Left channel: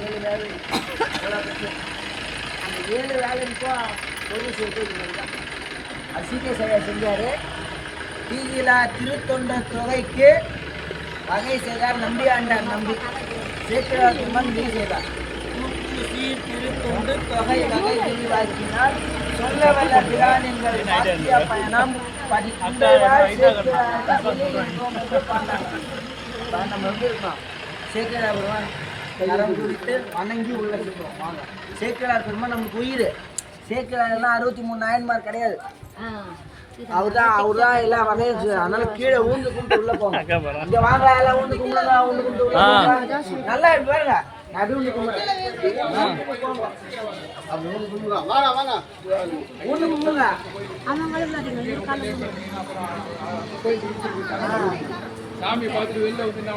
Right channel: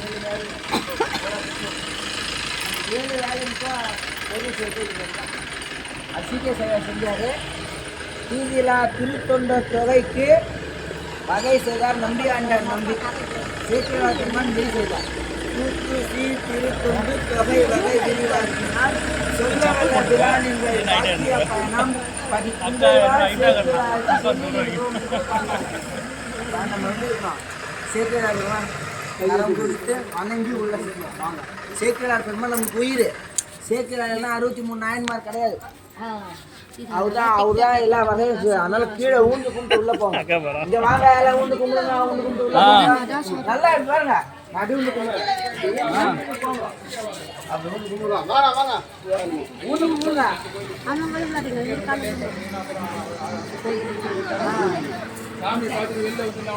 ஏழு வேலை அந்த ஏழு வேலைக்கும் ஒரு சேர்த்து அது சிபிஎஸ் ஐயா செஞ்சார் தீயிலா திருத்தொண்ட தொகைக்கு வகை செய்தார் நம்பி ஆண்டார் நம்பி சேக்கிராத்திரமன் விரி செய்தார் தூக்கு சீ திருத்தொண்டு தொகை வகை விரிவாக்கினால் சொல்ல வல்ல பிராணிகள் பாக்கிய பயணம் படிக்கின்றவார் நம்ம வந்து இருக்கோம் சேக்கிரார் பெருமான் நரம் குறித்து வணங்கி உள்ள சேர்க்கிறோம் வாங்க. சேக்கிரார் பெருமான் நமக்கு உயிர் சேக்கிரார் எல்லாம் அறுபத்தி மூணு நாயன்மார் கிடையாது அவர் தான் அவர் தான் எல்லா வகையும் அதனால கீழே ஊந்து கும்பிட்டு உள்ள போங்க இங்க வாங்க. எல்லாம் ஊந்து கும்பிடுங்க ஊந்து கும்பிட்டு உள்ள போங்க நல்லா இருக்கு பாருங்க நடு ஊந்து கும்பிடுங்க ஊந்து கும்பிடுங்க స్వామి పాత్ర వెళ్ళి అవుతున్నాం